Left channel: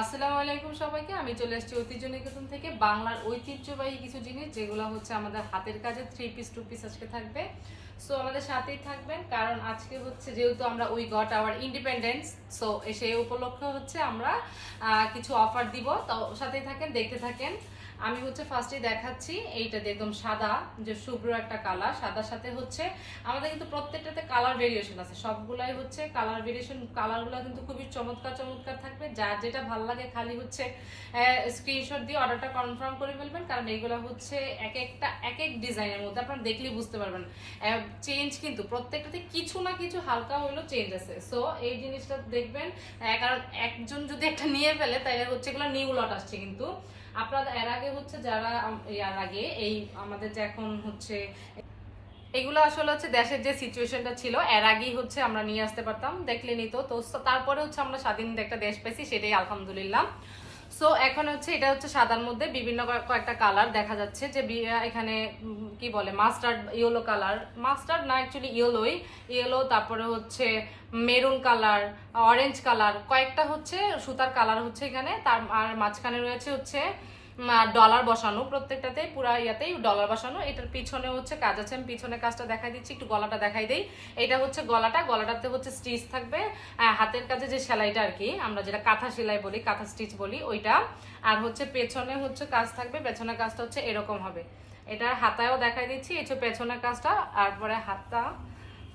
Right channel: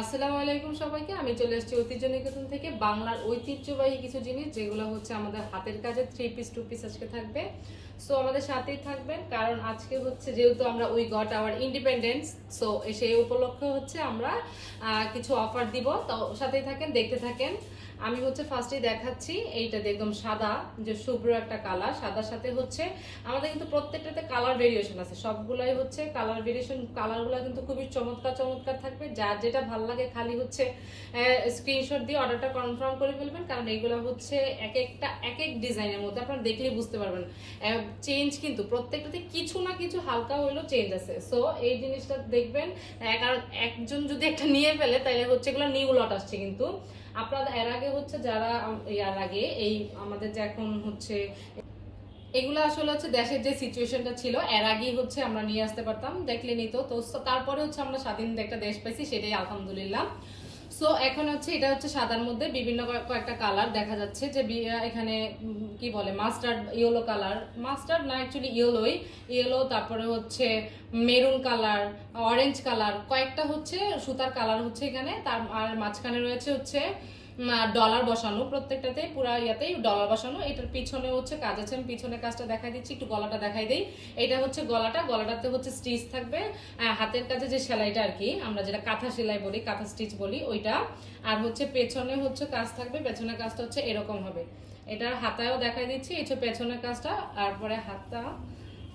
আসসালামু আলাইকুম সবাইকে। আমি চলে এসেছি ঐতিহ্য নিকেতন থেকে। বাংলার ঐতিহ্যবাহী কিছু জিনিস, যেগুলো হচ্ছে আমাদের হাতের কাজে থ্রি পিস টু পিস আজকে থাকবে। সো আমাদের সাথেই থাকবেন, কারণ আজকে হচ্ছে যেহেতু আমরা we got our independence so সেই উপলক্ষে হচ্ছে আমরা কিছু অফার দিব। তো, সাথেই থাকেন, দেখতে থাকেন। আমি হচ্ছে ফার্স্টে দেখাচ্ছি এইটা একদম সাদা, যে শুভ্র একটা কালার সাদার সাথে হচ্ছে আমাদের কিন্তু প্রত্যেকটাতে কালার ভেরিয়েশন আছে। সবগুলাই হচ্ছে কালার ভেরিয়েশন কালারগুলো কিন্তু খুবই চমৎকার চমৎকার থাকবে। যার যেটা ভালো লাগে খালি হচ্ছে স্ক্রিনশট দিয়ে অর্ডারটা কনফার্ম করে ফেলবেন, কারণ এগুলো হচ্ছে এক একটা, এক এক ডিজাইনের মধ্যে আপনারা দেখলেই বুঝতে পারবেন। চেঞ্জ কিন্তু প্রত্যেকটাতে কিছু না কিছু হালকা হইলেও চেঞ্জ আছে। সো এই জিনিসটা দেখবেন কারণ একজন যদি একটা নিয়ে ফেলে তাহলে হচ্ছে এগুলো নিউ লট আসছে কিন্তু। আপনারা, এর আগে হচ্ছে যারা এর আগে, এই আমাদের যে এখন হচ্ছে, এগুলো আসলে হচ্ছে দেশের যে সিচুয়েশনটা ছিল, এর আগেই হচ্ছে আমরা নিয়ে আসতে পারতাম দেখলেনি তো। তো, তারপরে হচ্ছে আমরা স্বাধীন একটা দেশ পেয়েছি সেটাই আলহামদুলিল্লাহ। সো এখন হচ্ছে এটা হচ্ছে সাদার মধ্যে বিভিন্ন কয়েকটা কালার দেখা যাচ্ছে যে এখানে কি বলে মাস্টার্ড ইয়েলো কালার মাস্টার্ড না অ্যাকচুয়ালি ইয়েলোই ইয়েলো তারপরে হচ্ছে মেরুন কালার অরেঞ্জ কালার কয়েকটা হচ্ছে সুতার কালার হচ্ছে এখানে। তার, আর মাঝখানে রয়েছে হচ্ছে ডলার বসানো, প্রত্যেকটাতে পুরা ইয়াতেই ডলার বসানো। এটার পিছনে হচ্ছে কাজ আছে, আমি পিছনে কাজটা দেখাই দিচ্ছি, একটু গলাটা দেখাই দিই। এটা হচ্ছে গলাটা, গলাটাতে হচ্ছে স্টিচ থাকবে। হাতের কাজে যে সেলাইটা আর কি, আমরা যেটা কাঁথা সেলাই বলি, কাঁথা স্টিচ বলি, ওইটা। আর হচ্ছে পেছনে হচ্ছে কাজ থাকবে পেছনে কাজটা হচ্ছে এরকম হবে। এটা হাতায়ও দেখাই দিচ্ছি, এই হচ্ছে পেছনের কাজটা তারপরে হাতা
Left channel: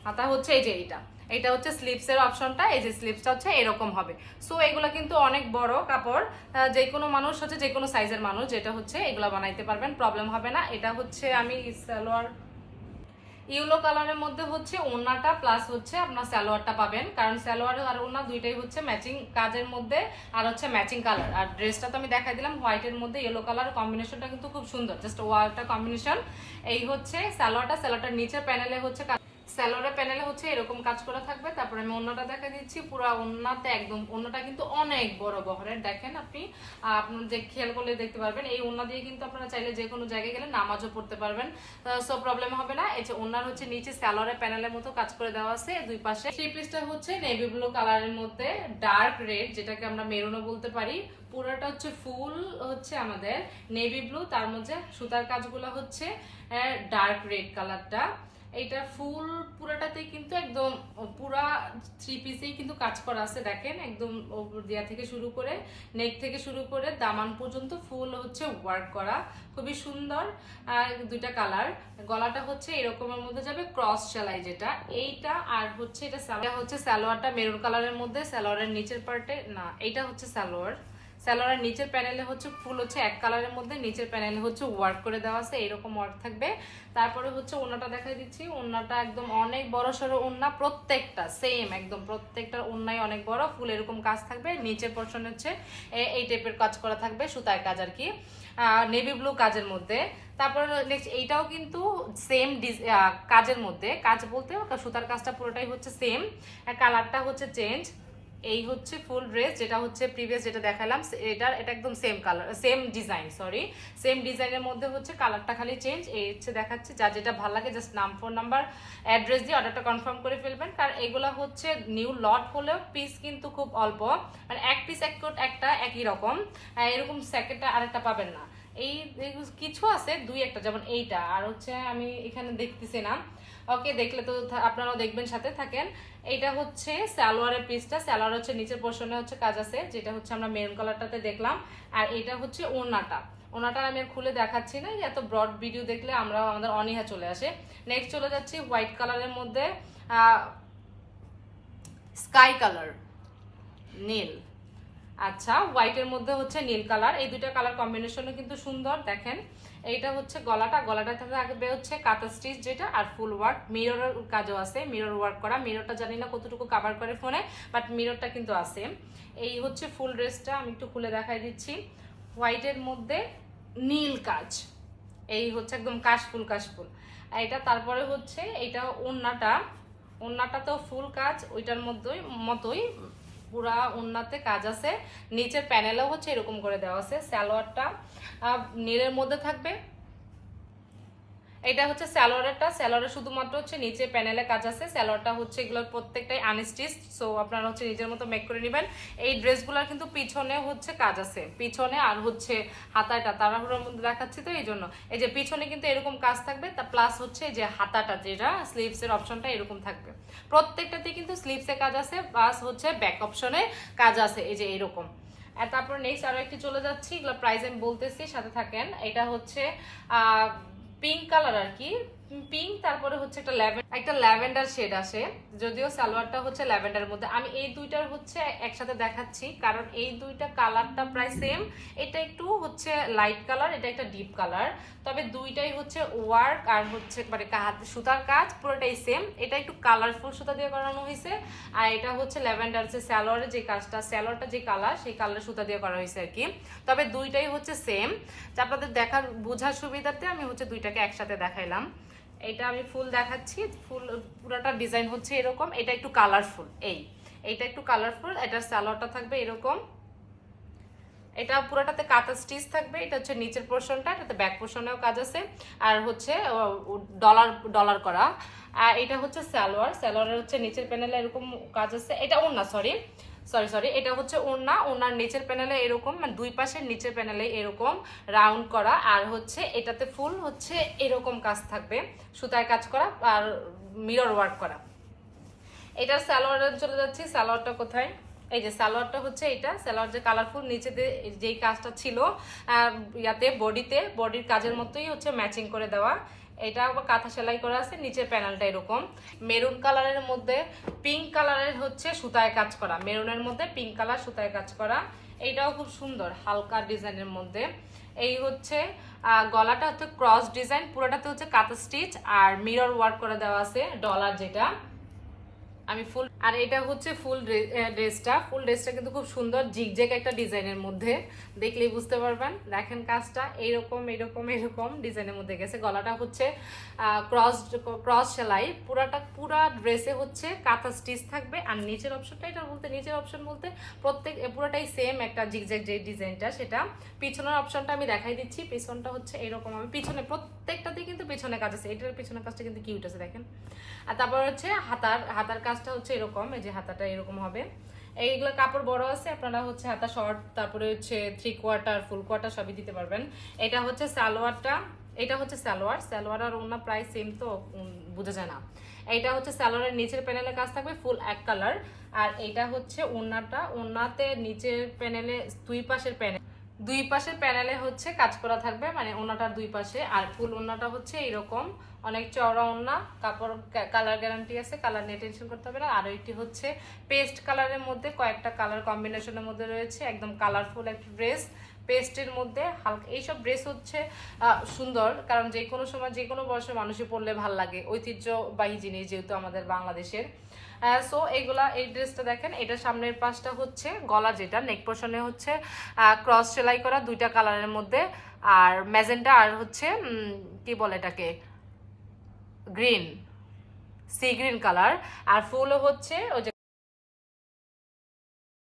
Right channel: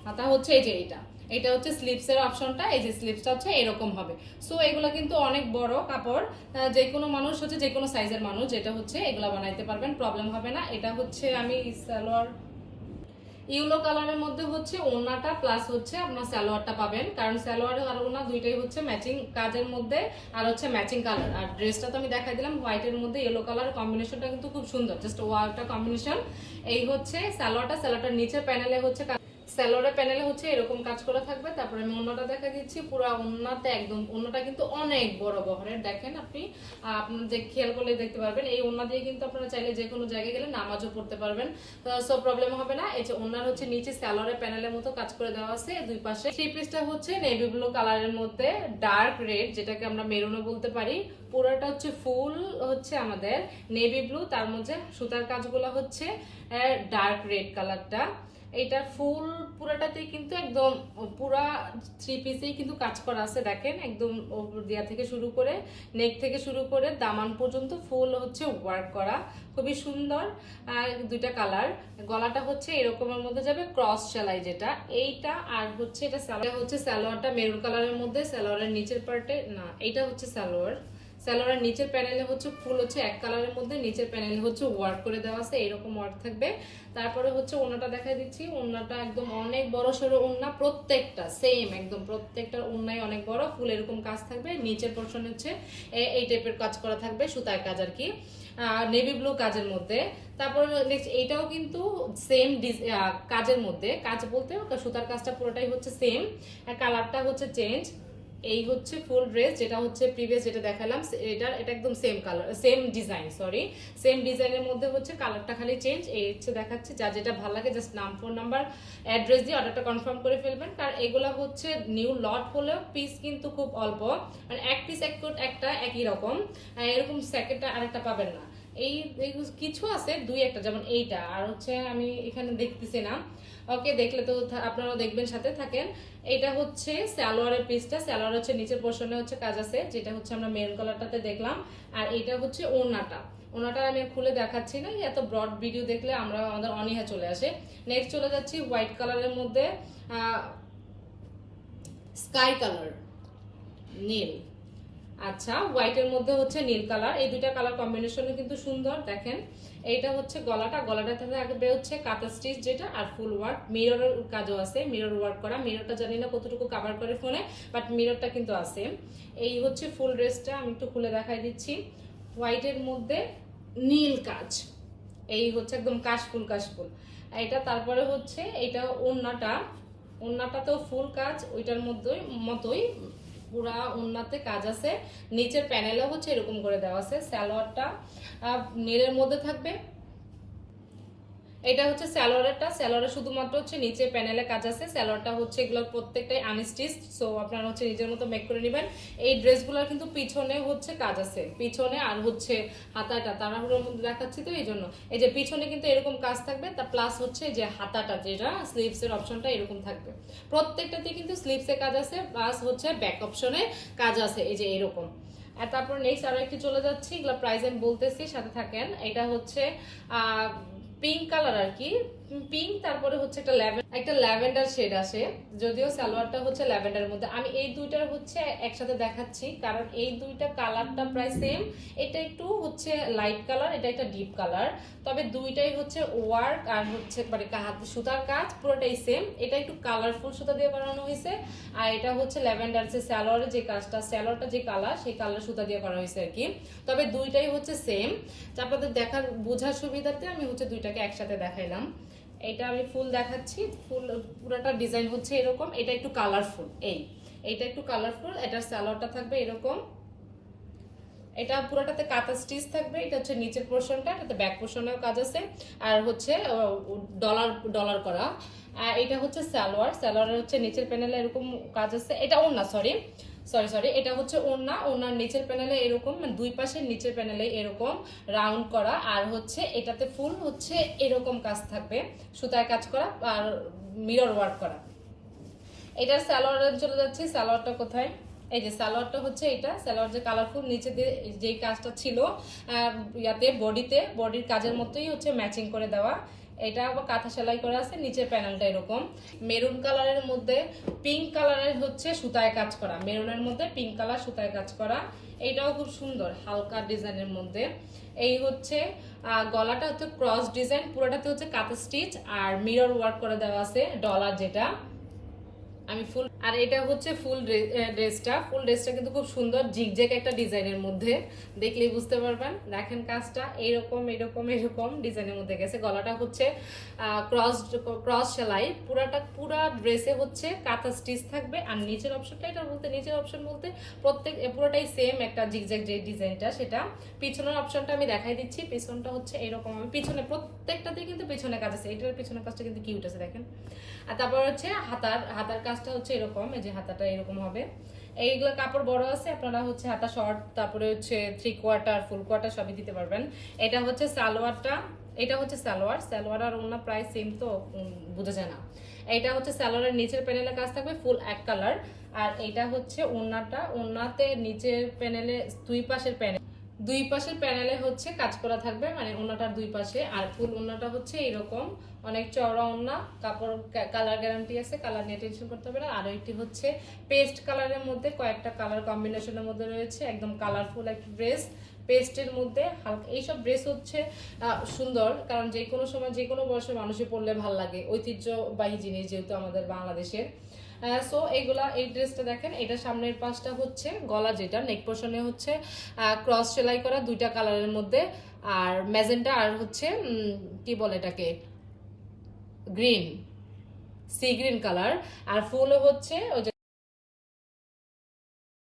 হাতা হচ্ছে এই যে এইটা। এটা হচ্ছে স্লিপস এর অপশনটা এই যে স্লিপসটা হচ্ছে এরকম হবে। সো এগুলো কিন্তু অনেক বড় কাপড় যে কোনো মানুষ হচ্ছে যে কোনো সাইজের মানুষ যেটা হচ্ছে এগুলো বানাইতে পারবেন প্রবলেম হবে না। এটা হচ্ছে আমি সালোয়ার, ইউলো কালারের মধ্যে হচ্ছে ওড়নাটা প্লাস হচ্ছে আপনার সালোয়ারটা পাবেন। কারণ সালোয়ার আর ওড়না দুইটাই হচ্ছে ম্যাচিং কাজের মধ্যে আর হচ্ছে ম্যাচিং কালার আর ড্রেসটা তো আমি দেখাই দিলাম হোয়াইটের মধ্যে ইয়েলো কালার কম্বিনেশনটা কিন্তু খুব সুন্দর জাস্ট ওয়ালটা কম্বিনেশন এই হচ্ছে সালোয়ারটা, সালোয়ারটার নিচে প্যানেলে হচ্ছে স্যালোয়ারের প্যানেলে হচ্ছে এরকম কাজ করা থাকবে। তারপরে আমি অন্যটা দেখা দিচ্ছি। পুরো অন্যতে একদম অন্যটা কিন্তু অনেক বড় বহরের। দেখেন আপনি আপনার যে খেয়াল করলে দেখতে পারবেন। এই ওন্না দিয়ে কিন্তু আপনারা চাইলে যে কোনো জায়গায় গেলে নামাজও পড়তে পারবেন। সো প্রবলেম হবে না। এই যে ওনার হচ্ছে নিচে স্যালোয়ারের প্যানেলের মতো কাজ করে দেওয়া আছে। দুই পাশে থ্রি পিসটা হচ্ছে নেভি ব্লু কালারের মধ্যে ডার্ক রেড যেটাকে আমরা মেরুনও বলতে পারি। পুরোটা হচ্ছে ফুল হচ্ছে আমাদের নেভি ব্লু তার মধ্যে সুতার কাজগুলো হচ্ছে ডার্ক রেড কালারটা এটা ফুল পুরাটাতে কিন্তু একদম, পুরা থ্রি পিসেই কিন্তু কাজ করা আছে, দেখেন, একদম দিয়া থেকে শুরু করে নেক থেকে শুরু করে, দামান পর্যন্ত ফুল হচ্ছে ওয়ার্ক করা, খুবই সুন্দর দুইটা কালার গলাটা হচ্ছে এরকমের মধ্যে যাবে ক্রস সেলাই যেটা, এইটা আর হচ্ছে এটা হচ্ছে সালোয়ারটা মেরুন কালারের মধ্যে, সালোয়ারের নিচের পার্টে না, এইটা হচ্ছে সালোয়ার। সালোয়ারের নিচের প্যানেলে হচ্ছে ফুল হচ্ছে এক কালারের মধ্যে, নিচের প্যানেলে হচ্ছে ওয়ার্ক করে দেওয়া আছে, এরকম ওয়ার্ক থাকবে। তারপরে হচ্ছে ওনাটা দেখাই দিচ্ছি। ওনাটা একদম অনেক বড় সড়ো ওন্না, প্রত্যেকটা সেম একদম প্রত্যেকটার ওন্নাই অনেক বড়, ফুল এরকম কাজ থাকবে। নিচের পোর্শন হচ্ছে এই টাইপের কাজ করা থাকবে সুতায় কাজ আর কি নেভি ব্লু কাজের মধ্যে। তারপর নেক্সট এইটাও কিন্তু সেম কাজের মধ্যে। কাজ বলতে সুতার কাজটা পুরোটাই হচ্ছে সেম কালারটা হচ্ছে চেঞ্জ এই হচ্ছে ফুল ড্রেস যেটা হচ্ছে প্রিভিয়াস যেটা দেখালাম, এটার, এটা একদম same colour same design sorry same ডিজাইনের মধ্যে হচ্ছে কালারটা খালি চেঞ্জ এই হচ্ছে দেখাচ্ছি, যা যেটা ভালো লাগে জাস্ট নাম ফোন নাম্বার অ্যাড্রেস দিয়ে অর্ডারটা কনফার্ম করে ফেলবেন। কারণ এগুলা হচ্ছে নিউ লট হলেও পিস কিন্তু খুব অল্প মানে এক পিস এক কোট একটা একই রকম এরকম সেকেন্ডটা আরেকটা পাবেন না। এই কিছু আছে, দুই একটা, যেমন এইটা, আর হচ্ছে আমি এখানে দেখতেছি না। ওকে, দেখলে তো আপনারাও দেখবেন, সাথে থাকেন। এটা হচ্ছে সালোয়ারের পিসটা সালোয়ার হচ্ছে নিচের পোর্শনে হচ্ছে কাজ আছে, যেটা হচ্ছে আমরা মেরুন কালারটাতে দেখলাম। আর এটা হচ্ছে ওনাটা ওনাটা আমি খুলে দেখাচ্ছি না এত ব্রড ভিডিও দেখলে আমরা আমাদের অনীহা চলে আসে। নেক্সট চলে যাচ্ছি হোয়াইট কালারের মধ্যে স্কাই কালার নীল। আচ্ছা হোয়াইটের মধ্যে হচ্ছে নীল কালার এই দুইটা কালার কম্বিনেশনও কিন্তু সুন্দর, দেখেন। এইটা হচ্ছে গলাটা গলাটা থাকবে হচ্ছে কাতা স্টিচ যেটা আর ফুল ওয়ার্ক মিররের কাজও আছে মিরর ওয়ার্ক করা। মিররটা জানি না কতটুকু কাভার করে ফোনে বাট মিররটা কিন্তু আছে। এই হচ্ছে ফুল ড্রেসটা আমি একটু খুলে দেখাই দিচ্ছি। হোয়াইটের মধ্যে নীল কাজ। এই হচ্ছে একদম কাশফুল কাশফুল। আর এটা তারপরে হচ্ছে, এইটা ওন্নাটা ওন্নাটা তো ফুল কাজ, ওইটার মধ্যেই মতোই পুরা ওন্নাতে কাজ আছে। নিচের প্যানেলও হচ্ছে এরকম করে দেওয়া আছে। স্যালোয়ারটা নীলের মধ্যে থাকবে। এটা হচ্ছে স্যালোয়ারটা স্যালোয়ারে শুধুমাত্র হচ্ছে নিচে প্যানেলে কাজ আছে। স্যালোয়ারটা হচ্ছে এগুলো প্রত্যেকটাই আনস্টিচ সো আপনারা হচ্ছে নিজের মতো মেক করে নেবেন। এই ড্রেসগুলোর কিন্তু পিছনে হচ্ছে কাজ আছে। পিছনে আর হচ্ছে হাতাটা, তাড়াহুড়োর মধ্যে দেখাচ্ছি তো এই জন্য এই যে পিছনে কিন্তু এরকম কাজ থাকবে, তা প্লাস হচ্ছে যে হাতাটা, যেটা স্লিভস এর অপশনটা এরকম থাকবে। প্রত্যেকটাতে কিন্তু স্লিভস কাজ আছে প্লাস হচ্ছে ব্যাক অপশনে কাজ আছে, এই যে এরকম। আর তারপর নেক্সট আরও একটু চলে যাচ্ছি, এগুলো প্রাইস আমি বলতেছি, সাথে থাকেন। এটা হচ্ছে পিঙ্ক কালার আর কি পিঙ্ক তারপরে হচ্ছে একটা ল্যাভেন্ডার একটা ল্যাভেন্ডার শেড আছে যদিও সালোয়ারটা হচ্ছে ল্যাভেন্ডারের মধ্যে। আমি এই দুইটার হচ্ছে একসাথে দেখাচ্ছি, কারণ এই দুইটা কালারটা প্রায় সেম এটা একটু হচ্ছে লাইট কালার এটা একটা ডিপ কালার তবে দুইটাই হচ্ছে ওয়ার্ক আর হচ্ছে মানে সুতার কাজ, পুরোটাই সেম এটা একটু কালারফুল সুতা দিয়ে করানো হয়েছে। আর এটা হচ্ছে ল্যাভেন্ডার যে স্যালোয়ারের যে কাজটা স্যালোয়ারটা যে কালার সেই কালার সুতা দিয়ে করা হয়েছে আর কি। তবে দুইটাই হচ্ছে সেম আপনাদের দেখার বোঝার সুবিধাতে আমি হচ্ছে দুইটাকে একসাথে দেখাইলাম। এটা আমি ফুল দেখাচ্ছি। ফুল, পুরোটা ডিজাইন হচ্ছে এরকম। এটা একটু কালারফুল এই। এইটা একটু কালারফুল এটার স্যালোয়ারটা থাকবে এরকম। এটা পুরোটাতে কাঁথা স্টিচ থাকবে, এটা হচ্ছে নিচের পোর্শনটা এটাতে ব্যাক পোর্শনেও কাজ আছে। আর হচ্ছে ডলার ডলার করা। আর এটা হচ্ছে সালোয়ার, সালোয়ারের হচ্ছে নিচের প্যানেলে এরকম কাজ আছে। এটা ওড়না সরি সরি সরি এটা হচ্ছে ওড়না। ওড়নার নিচের প্যানেলে এরকম মানে দুই পাশের নিচের প্যানেলে এরকম রাউন্ড করা। আর হচ্ছে এটাতে ফুল হচ্ছে এরকম কাজ থাকবে। সুতায় কাজ করা আর মিরর ওয়ার্ক করা। এটার সালোয়ারের চলে যাচ্ছে। সালোয়ারটা কোথায়? এই যে সালোয়ারটা হচ্ছে এটা। সালোয়ার যে কালারফুল নিচে যেই কাজটা ছিল ইয়াতে বডিতে বডির কাজের মতোই হচ্ছে ম্যাচিং করে দেওয়া। এটা আবার কাঁথা সেলাই করা আছে, নিচের প্যানেলটা এরকম। মেরুন কালারের মধ্যে পিঙ্ক কালারের হচ্ছে সুতায় কাজ করা। মেরুনের মধ্যে পিঙ্ক কালার, সুতায় কাজ করা। এইটাও খুব সুন্দর, হালকা ডিজাইনের মধ্যে। এই হচ্ছে গলাটা হচ্ছে ক্রস ডিজাইন পুরোটাতে হচ্ছে কাঁথা স্টিচ আর মিরর ওয়ার্ক করে দেওয়া আছে ডলার যেটা। আমি ফুল, আর এটা হচ্ছে ফুল ড্রেসটা। ফুল ড্রেসটা কিন্তু খুব সুন্দর, জিগজ্যাগ একটা ডিজাইনের মধ্যে। দেখলেই বুঝতে পারবেন। দেখেন কাজটা, এইরকম এরকম এরকম ডিজাইনের মধ্যে গেছে। গলাটা হচ্ছে ক্রস ক্রস সেলাই। পুরাটা, পুরা ড্রেসে হচ্ছে কাঁথা স্টিচ থাকবে। আর নিচের অপশনটা এটা বলতে নিচের অপশন বলতে প্রত্যেক পুরোটাই সেম একটা জিগজ্যাগ যে ডিজাইনটা, সেটা। পিছনের অপশনটা আমি দেখাই দিচ্ছি। পিছনটা হচ্ছে এরকম। আমি পিছনে প্রত্যেকটাতেই কিন্তু পিছনে কাজ আছে। এটার পিছনের কাজটা কিন্তু কিউট আছে, দেখেন। আর তারপর হচ্ছে হাতার হাতার কাজটা হচ্ছে এরকম, এই যে হাতাটা এরকম হবে। এইগুলো কাপড় বড় আছে, আপনারা হচ্ছে হাতা শর্ট তারপরে হচ্ছে থ্রি কোয়ার্টার ফুল কোয়ার্টার সবই দিতে পারবেন। এটা হচ্ছে সালোয়ারটা, এটা হচ্ছে সালোয়ার। সালোয়ার আর অন্য প্রায় সেম তো বোঝা যায় না। এটা হচ্ছে সালোয়ারের নিচের প্যানেলে কাজ থাকবে ফুল এক কালার আর এটা হচ্ছে ওড়নাটা, ওড়নাতে নিচের প্যানেলে দুই পাশের প্যানেল দুই পাশের প্যানেলে হচ্ছে কাজ করা থাকবে মানে ওনাটার দুই পাশে। আর ফুল ওনাটা হচ্ছে এরকম অনেক চওড়া ওনা কাপড় কালার গ্যারান্টি আছে, কালার নিয়ে টেনশন করতে হবে না। আর একটি হচ্ছে পেস্ট কালারের মধ্যে কয়েকটা কালার কম্বিনেশনের মধ্যে রয়েছে, একদম কালারফুল একটা ড্রেস পেস্টের মধ্যে হালকা, এইসব ড্রেস হচ্ছে সুন্দর। কারণ যে কোনো সময় যে কোনো বয়সের মানুষই পরলে ভালো লাগে। ঐতিহ্যবাহী জিনিস যেহেতু আমাদের বাংলাদেশের। সো এইগুলা এই ড্রেসটা দেখেন, এটা সামনের পাশটা হচ্ছে গলা যেটা নেক পোর্শনে হচ্ছে ক্রস সেলাই করা দুইটা কালারের মধ্যে, আর ম্যাজেন্টা আর হচ্ছে কি বলে এটাকে? গ্রিন সি গ্রিন কালার আর ফুলও হচ্ছে ওই যে